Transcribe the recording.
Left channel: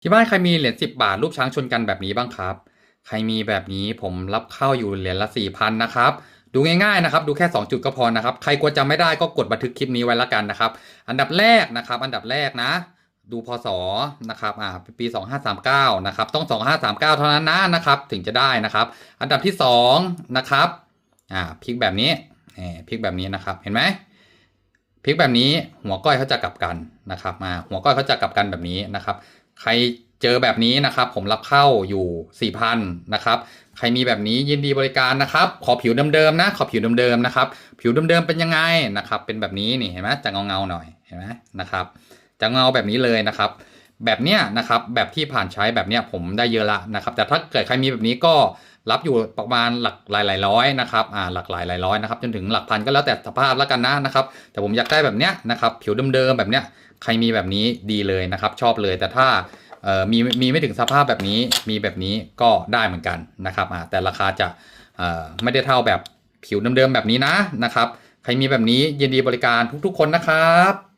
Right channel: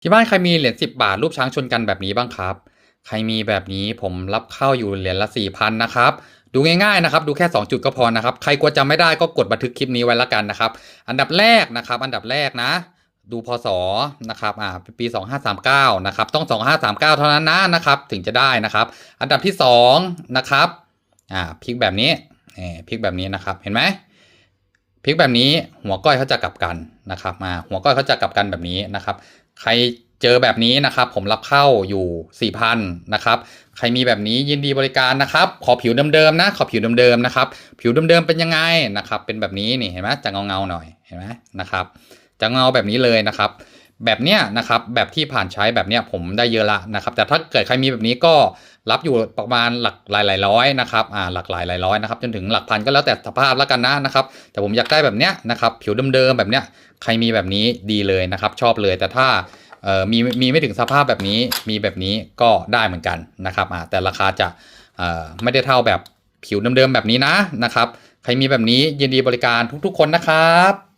ที่บ้านใครมีเหรียญสิบบาทรูปช้างชนกันแบบนี้บ้างครับ ใครมีแบบนี้ผมรับเข้าอยู่เหรียญละสี่พันนะครับ ดูง่ายๆนะครับ ดูแค่ 2 จุดก็พอนะครับ ใครกลัวจำไม่ได้ก็กดบันทึกคลิปนี้ไว้ละกันนะครับ อันดับแรกนะครับ อันดับแรกนะ ดูพศนะครับ อ่า ปี 2539 นะครับ ต้อง 2539 เท่านั้นนะนะครับ ถึงจะได้นะครับ อันดับที่2นะครับ อ่า พลิกแบบนี้เอพลิกแบบนี้นะครับ เห็นไหมพลิกแบบนี้หัวก้อยเขาจะกลับกันนะครับ มา หัวก้อยเขาจะกลับกันแบบนี้นะครับ ใครเจอแบบนี้นะครับ ผมรับเข้าอยู่ 4,000นะครับ ใครมีแบบนี้ยินดีบริการนะครับ ขอผิวเดิมๆนะ ขอผิวเดิมๆนะครับ ผิวเดิมๆเป็นยังไงนะครับ เป็นแบบนี้นี่เห็นไหมจะเงาๆหน่อยเห็นไหมนะครับ จะเงาแบบนี้เลยนะครับ แบบเนี้ยนะครับแบบที่ผ่านใช้แบบเนี้ยผมได้เยอะละนะครับ แต่ถ้าเกิดใครมีแบบนี้ก็รับอยู่ประมาณหลักหลายหลายร้อยนะครับอ่าหลักหลายหลายร้อยนะครับจนถึงหลักพันก็แล้วแต่สภาพแล้วกันนะนะครับ แต่ผมอยากได้แบบเนี้ยนะครับผิวเดิมๆแบบเนี้ยใครมีแบบนี้ดีเลยนะครับ ชอบเลยแต่ถ้าเอ่อมีมีไม่ถึงสภาพแบบนี้มีแบบนี้ก็ได้เหมือนกันนะครับอ่าแต่ราคาจะเอ่อไม่ได้เท่าแบบผิวเดิมๆแบบนี้นะนะครับ ใครมีแบบนี้ยินดีบริการทุกๆ คนนะครับ